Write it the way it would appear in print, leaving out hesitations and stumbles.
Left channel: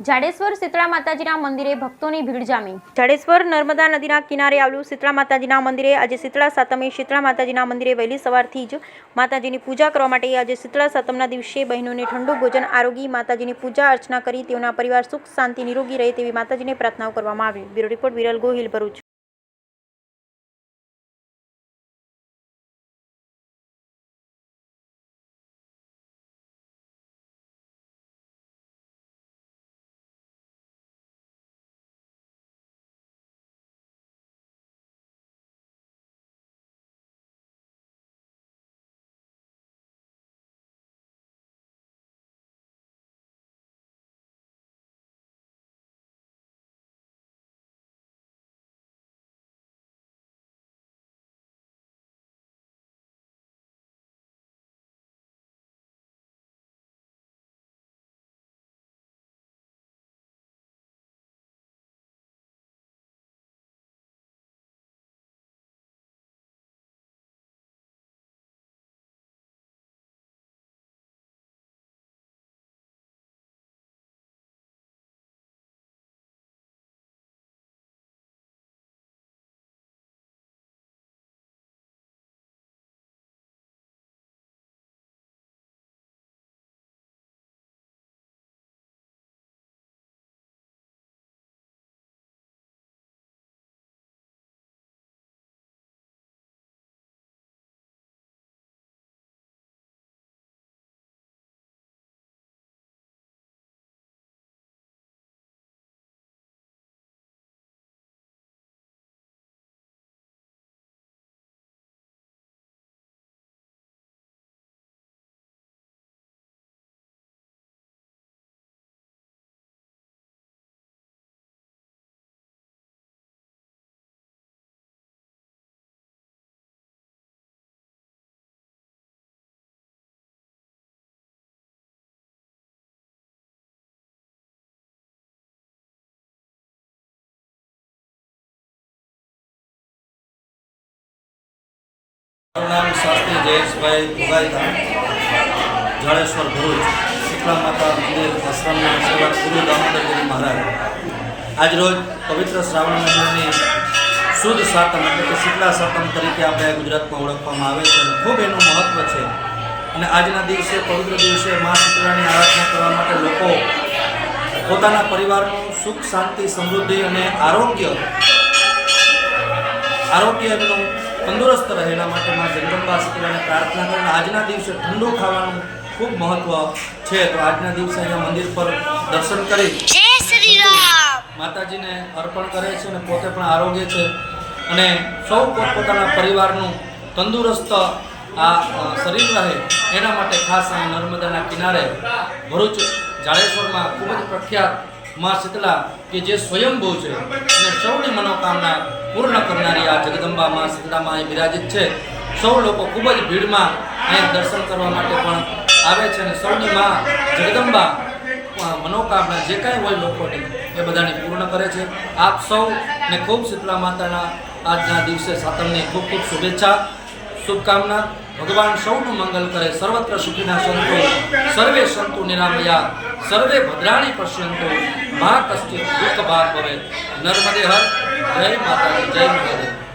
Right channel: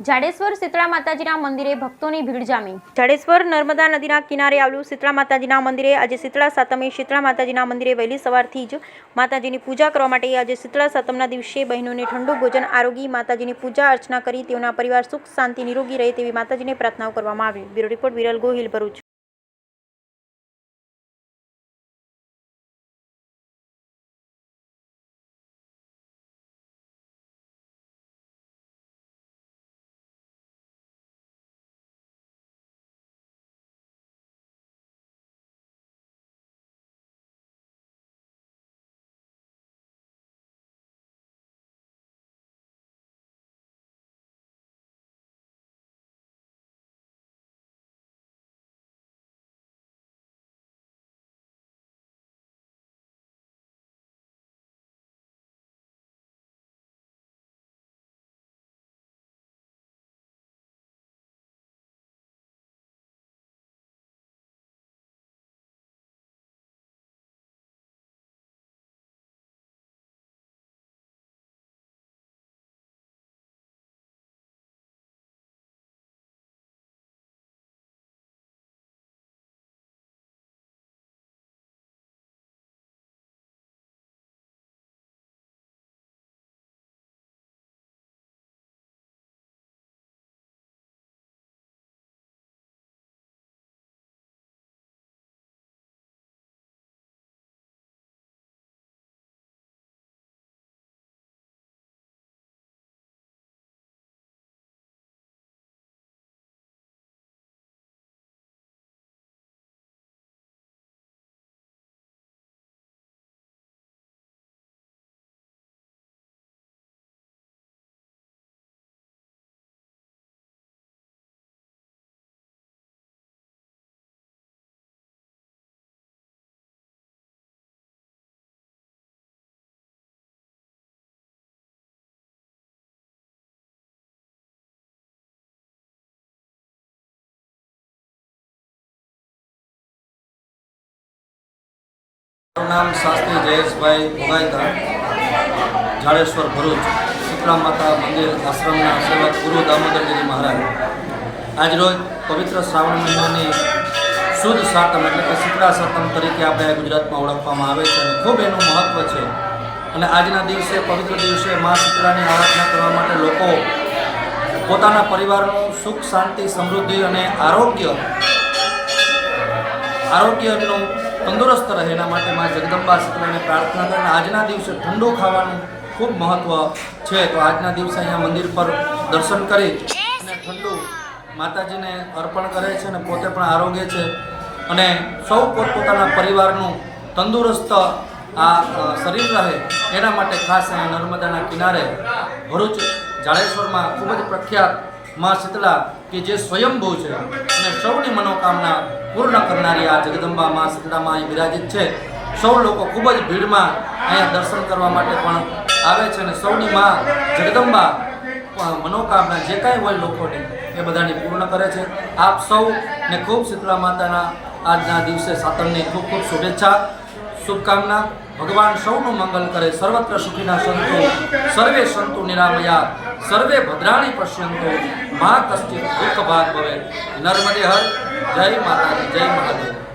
જાડેશ્વર શીતળા માતાજીના મંદિરે ભક્તોની ભીડ જામી। જાડેશ્વર નર્મદા નદીના કિનારે આવેલું શીતળા માતાજીના મંદિરે આજે શીતળા સાતમે શીતળા માતાજીના મંદિરે વહેલી સવારથી જ માતાજીની પૂજા કરવા માટે આજે શીતળા સાતમના દિવસે બહેનોને ઠંડુ ભોજન આરોગી માતાજીની પૂજા અર્ચના કરી તેઓના પરિવાર સુખ શાંતિ નિરોગી રહે તેવી માતાજીને પ્રાર્થનાઓ કરવામાં આવી। Bureau report Viral Gohil, Bharuch. नाम शास्त्री जयेशभाई भोगायता, जाड़ेश्वर भरूच शीतला माता मंदिर आश्रमना सेवक गुरु दामोदरगिरी महाराज। आज रोज पवित्र श्रावण महीनानी शुद्ध सातम एटले के शीतला सातम तरीके आपणे गुजरातमां ओळखवामां आवे छे। खूब एनुं महत्व छे अने आजना दिवसे पवित्र दिवसे माँ शीतलानी आराधना करवा माटे लोको पोताना परिवारनुं सुख शांति समृद्धि अने आरोग्य एमनुं तंदुरस्त रहे एना माटे माँ जगदंबा शीतलाने प्रार्थना करीने आजना दिवसे ठंडू खावानुं खूब महत्व छे। तो आजना दिवसे अहींया मंदिर पर दर्शन करी माताजीने अर्पण करे छे अने पोते पण आरोग्य छे अने सौ पोतपोताना परिवारनुं तंदुरस्त आ शरीर रहे एना माटे खास अहींया नर्मदाना किनारे भरूच जाड़ेश्वरमां खूब ज प्रख्यात माँ शीतला कि जे स्वयंभू है अने सौनी मनोकामना पूर्ण करनारी आ जगदंबा माँ शीतला माँ अहीं विराजित है। सौ लोग खूब ज भीड़ में अहीं दर्शन करवा माटे पण आवे छे अने सौनी माँ जगदंबा मनोकामना जे कांई होय लोकोनी ए बधाने पूर्ण करे छे। आप सौ ने खूब शीतला माताना आजना दिवसे सातमनी खूब खूब शुभेच्छा शुभकामना। भगवान सौनु मंगल करे। सर्वत्र सुखिना सन्तु सर्वे सन्तु निरामया सर्वे भद्राणि पश्यन्तु मा कश्चित् दुःख भाग् भवेत्। नर्मदे हर। जय माता दी, जय महादेव।